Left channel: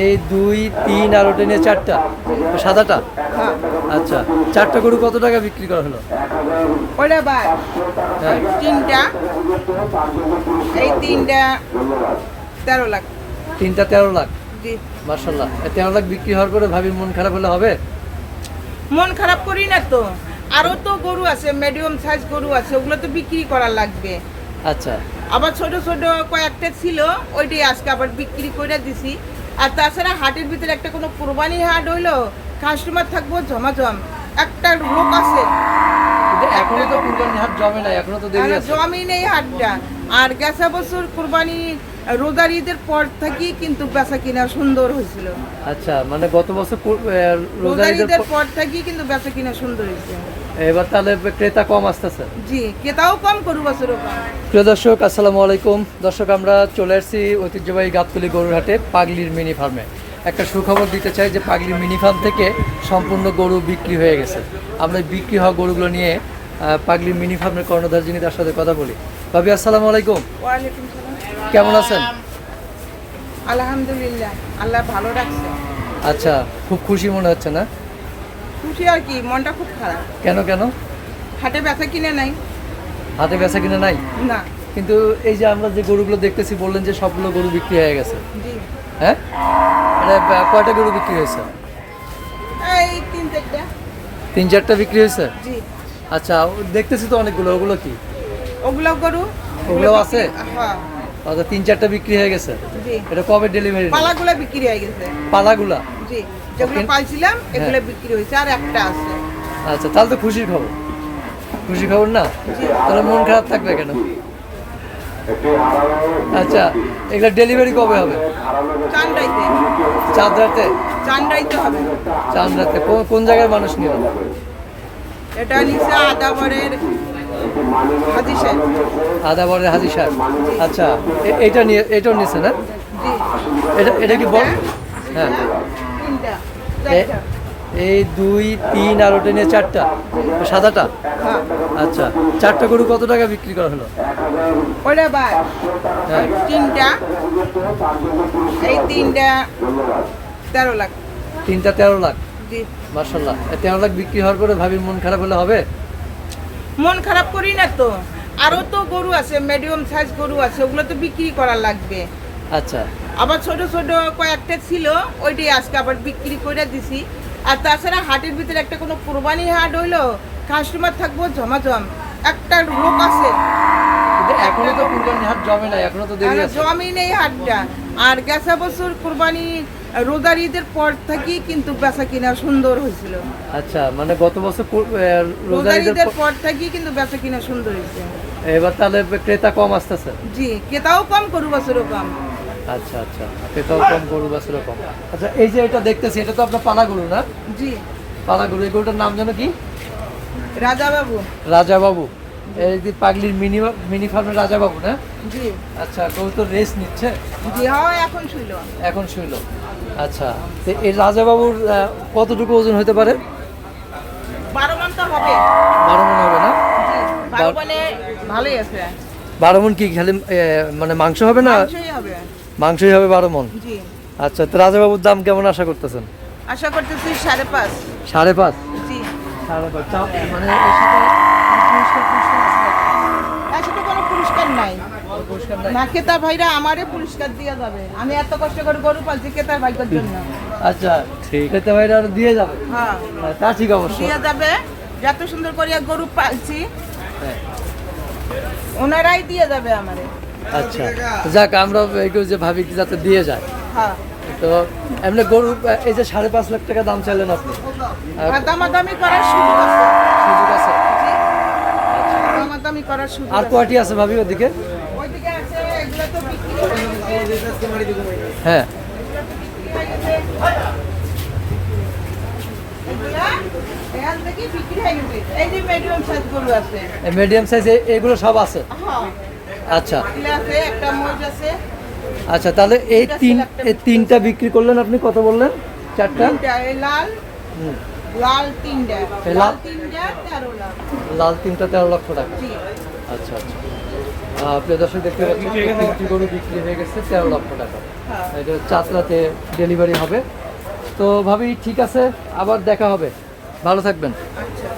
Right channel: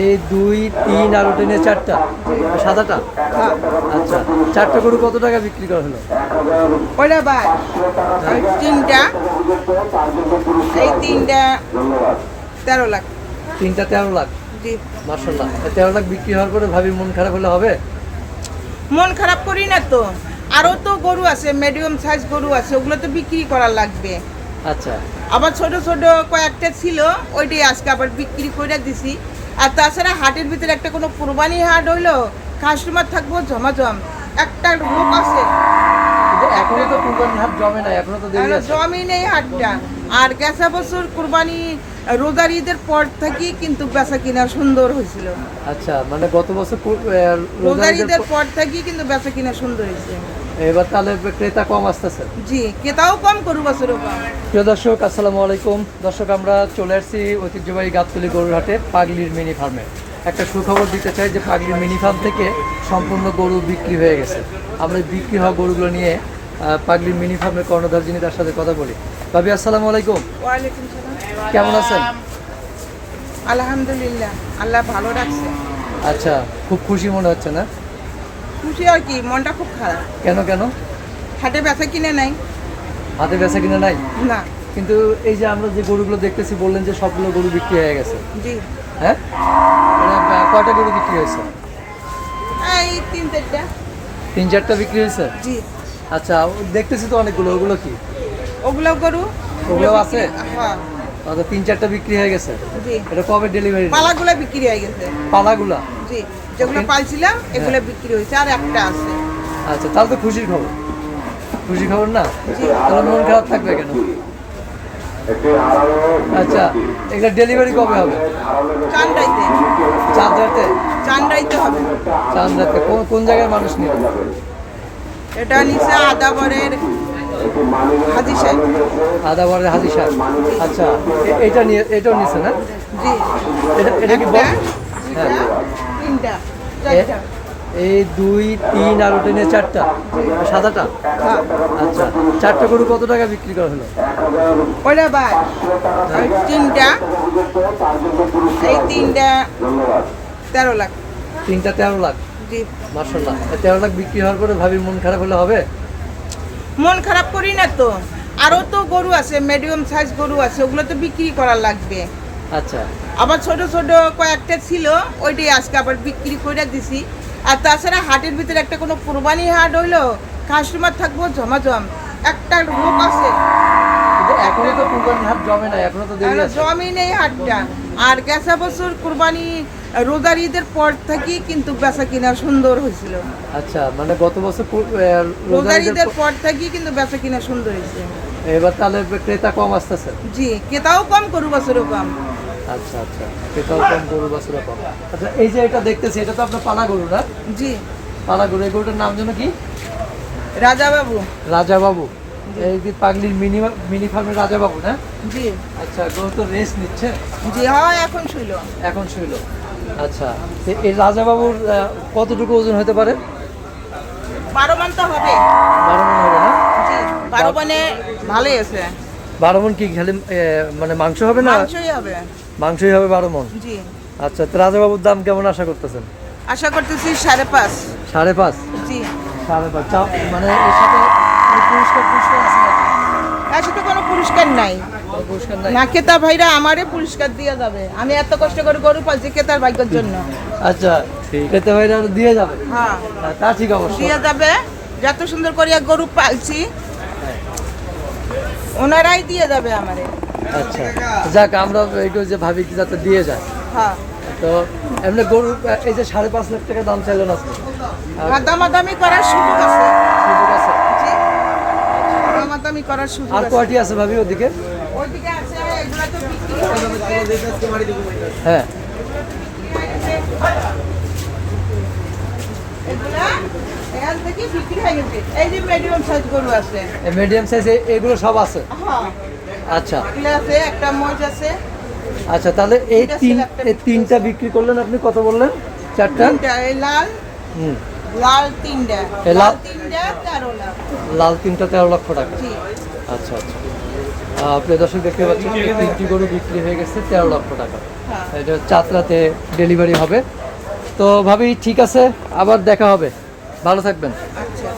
এই দুই তিন আর ওটা নিয়ে চারটা। সাদাটা? হ্যাঁ। আচ্ছা চারটা গরু কত টাকা বিক্রি করা হলো? ওটা বাদ তিনটা। এই তিনটা তেরো লাখ। তিনটা তেরো লাখ? মার্শাল্লাহ তেরো লাখ বিক্রি হওয়ার পরে ভাবি মন খারাপ হলে হবে? মন খারাপ করি না তো। আরও তো গরু আছে মিডিয়াম সাইজ গরু আছে ওগুলো তো বিক্রি করা লাগবে। আচ্ছা। আবার ছোট ছোট কয়েকটা ছিল ওইটাই আজকে আবার বিক্রি করে দিছি। আর তাছাড়া হাটের ভিতরে একটা কোনো কোরবানি হাট হইল কাস্টমার থাকব জমাজম। একটা লোক আছে। এখনও তো কুরবানি হাট জমে না এখনও তো দেরি আছে। জমি নেই হাটটা। আর গেছা বছর কোরবানি রোজার ঈদের পর থেকে কিন্তু বেচা কিনা সুন্দর হয়েছিল। আচ্ছা মানে গত বছর রোজার ঈদের পর থেকে কিন্তু বেচা কিনা সুন্দর হয়েছে। এবার তাহলে ক্রেতা কম আসতেছে। জি কেতাও কম করু বছরও কম। প্রিয় দর্শক আসসালামু আলাইকুম। দর্শক আমরা চলে আসছি ঐতিহ্যবাহী গাবতলি গরুরহাটে পাগলির মিনি ফার্মে। একটা সুখবর দিতে চাই যে পাগলির মিনি ফার্ম থেকে সম্পূর্ণ গরু বিক্রি হয়ে গেছে। আমরা বিক্রি হওয়া গরুগুলো নিয়ে পাগলির মিনি ফার্মের কর্ণধার যিনি তার সাথে কথা বলি। ভাবি আসসালামু আলাইকুম। ওয়ালাইকুম সালাম। কেমন আছেন? আলহামদুলিল্লাহ আল্লাহ ভালো রাখছে। আচ্ছা খুব খুশি মনে হচ্ছে না? খুশি আর কি মনটা খুব খারাপ। কেন কেন? হাটে বেচা কিনে নাই। হাতে বেচা কিনা নাই? না। কিন্তু এই যে আমরা যে গরুগুলো দেখতেছি বললেন যে সবগুলো গরু বিক্রি হয়ে গেছে। জি। হ্যাঁ? মানে, কয়টা গরু বিক্রি হয়েছে? এই তিন চারটা। তিন চারটা বিক্রি হয়েছে? জি। আচ্ছা দেখতেছি তো অনেকগুলো ওগুলো কি? ওগুলো গরু ওগুলোও আছে? হ্যাঁ। তাহলে তিন চারটা বিক্রি হয়ে গেছে? জি। এটা কবে ডেলিভারি পালাগুলা বিক্রি হয়ে গেছে। পালাগুলা? জি যেগুলো পালছিলাম এগুলো বিক্রি হয়েছে আর একটা আছে। আচ্ছা তাহলে তো খুশির খবর। খুশি খবর না? তাহলে মন খারাপ থাকবে কেন? আচ্ছা এগুলো ডেলিভারি কবে হবে? চান্ডাইতে চাঁদ রাতে চান্ডাইতে হবে। চাঁদ রাতে কোন কোন জায়গার মানুষ নিয়ে এটা নিচে আদাবরের হাজি সাহেব। আদা হাজি সাহেব। আচ্ছা এটা নিয়ে এটাও নিচ্ছে না? এটা এটা কি বল হ্যাঁ। এই দুই তিন আর ওটা নিয়ে চারটা সাদাটা? হ্যাঁ। আচ্ছা চারটা গরু কত টাকা বিক্রি করা হলো? ওটা বাদ। হ্যাঁ। তিনটা এই তিনটা তেরো লাখ। তিনটা তেরো লাখ? মার্শাল্লাহ তেরো লাখ বিক্রি হওয়ার পরে ভাবি মন খারাপ হলে হবে? মন খারাপ করি না তো। আরও তো গরু আছে মিডিয়াম সাইজ গরু আছে ওগুলো তো বিক্রি করা লাগবে। আচ্ছা। আবার ছোট ছোট কয়েকটা ছিল ওইটাই আজকে আবার বিক্রি করে দিছি। আর তাছাড়া হাটের ভিতরে একটা কোনো কোরবানি হাট হইল কাস্টমার থাকব জমাজম একটা লোক আছে। এখনও তো কুরবানি হাট জমে না এখনও তো দেরি আছে। জমি নেই হাটটা। আর গেছা বছর কোরবানি রোজার ঈদের পর থেকে কিন্তু বেচা কিনা সুন্দর হয়েছিল। আচ্ছা মানে গত বছর রোজার ঈদের পর- থেকে কিন্তু বেচা কিনা সুন্দর হয়েছে। এবার তাহলে ক্রেতা কম আসতেছে। জি কেতাও কম করু বছরও কম। আচ্ছা আচ্ছা। ক্রেতাও কম গরু বছর কম। আচ্ছা এই যে এটা দেখতেছি এটা তো আপনার পালা গরু না? জি। পালা গরু এই গরুটার নাম যেন কি? রাজা বাবু। রাজা বাবু। পাগলির মিনি মিনি ফার্মের রাজা বাবু না? জি। আচ্ছা গরু তো রেস্ট নিচ্ছে। জি হ্যাঁ এখন শুইল। এখন শুইল। আচ্ছা এই রাজা বাবুর কতটুকু ওজন হতে পারে? বারো মান তো হবে। বারো মন হবে না? জি বারো মানে ভালোই আছে। বারো মন কি খালি মানে মাংস হবে না? মাংসই হবে। বারো মন? জি। আচ্ছা তো রাজা বাবুর দাম কেমন আশা করতেছেন? আশা করতেছি সাড়ে পাঁচ। সাড়ে পাঁচ? জি। সাড়ে পাঁচ। মানে পুরস্কার পুরস্কার আছে কোনো পুরস্কার নাই। না ভাইরা আমারে পুরস্কার দিয়ে যাবে। আমি এত কষ্ট করে গরু পালছি ভাগ্যের জন্য। আচ্ছা না দিয়ে যাবে? হ্যাঁ। হ্যাঁ, তা ঠিক অবশ্যই দিয়ে যাবে। যত সুন্দর করে গরু পালছি হ্যাঁ। ওনারাই দিয়ে যাবে আমারে আচ্ছা যাক আমরা এইগুলো যে ভাবি যাতে দিয়ে যায়। হ্যাঁ। তো এমনি গরু এই যে সাড়ে পাঁচ লাখ টাকা দাম চাইলেন আপনি? দামাদামি করার সুযোগ আছে। সুযোগ আছে? দামাদামি করার সুযোগ আর কয়টি আছে ভাবি ওদিকে? ওইদিকে আছে এগুলো তো বিক্রি হয়ে গেছে। হ্যাঁ এগুলা এখান থেকে বিক্রি হয়ে গেছে। এই যে মিডিয়াম সাইজ গরু আছে। মিডিয়াম সাইজ এগুলো সব আছে? হ্যাঁ। আচ্ছা। আছে একটা আছে। আচ্ছা তাহলে এই তিন এই তিনটা বিক্রি করলেন আপনি কত বললেন? চারটা? লাল লাল তিনটা। লাল- তিনটা তেরো লাখ। লাল তিনটা তেরো লক্ষ টাকা। আচ্ছা আচ্ছা। প্রিয় দর্শক দেখতে পাচ্ছেন তিনটি গরু বিক্রি হয়ে গেছে তেরো লক্ষ টাকা। এটা চাতরাতে ডেলিভারি হবে। তো ভাবি ঠিক আছে আবার দেখা হবে। ভালো থাকবেন। আচ্ছা।